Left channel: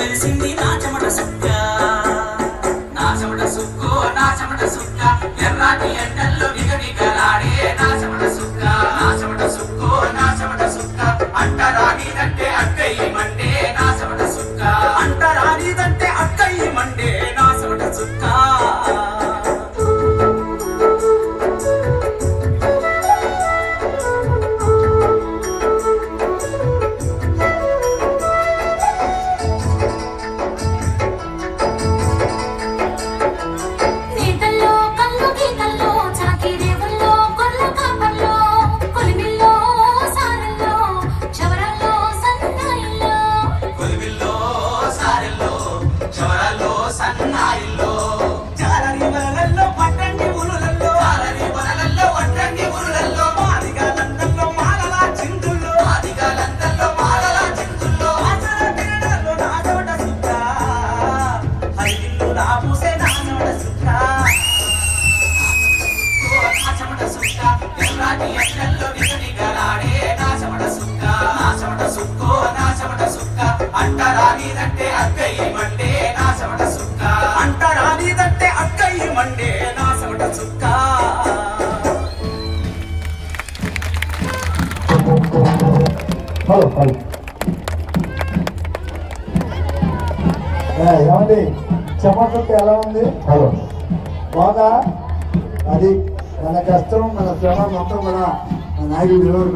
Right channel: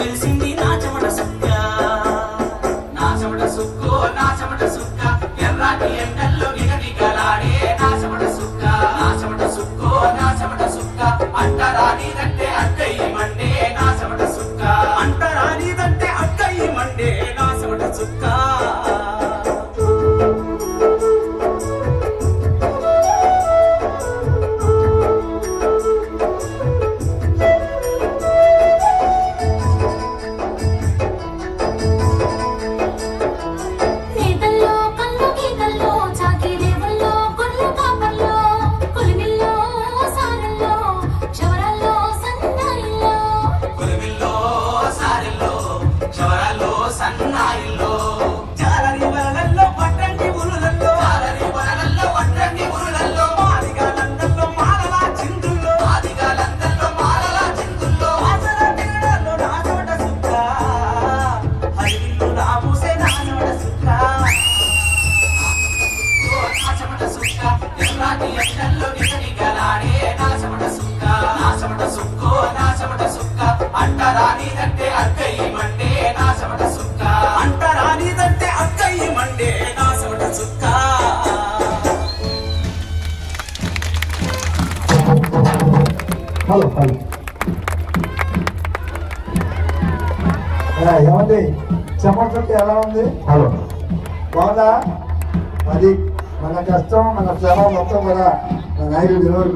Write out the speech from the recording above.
మెరిసింది నా చెమట సుక్క, నా చెమట సుక్కు, నా చెమట సుక్క, ఎర్రాటి ఎండల్లో నిగనిగలాడే నా చెమట సుక్క, నా చెమట సుక్కు, నా చెమట సుక్క, అంటరానిదంటే అక్కయ్య మండే నా చెమట సుక్క, అంటరానిదంటే అక్కయ్య మండే నా చెమట సుక్క. అంటరానిదంటే అక్కయ్య మండే నా చెమట సుక్క, అంటరానిదంటే అక్కయ్య మండే నా చెమట సుక్క. హలో హలో ఏమండి చెమట ఎలా ఉంది? హలో బాగా అది మన కష్టం మన శ్రమ మొత్తం కూడా మన 5 రోజులు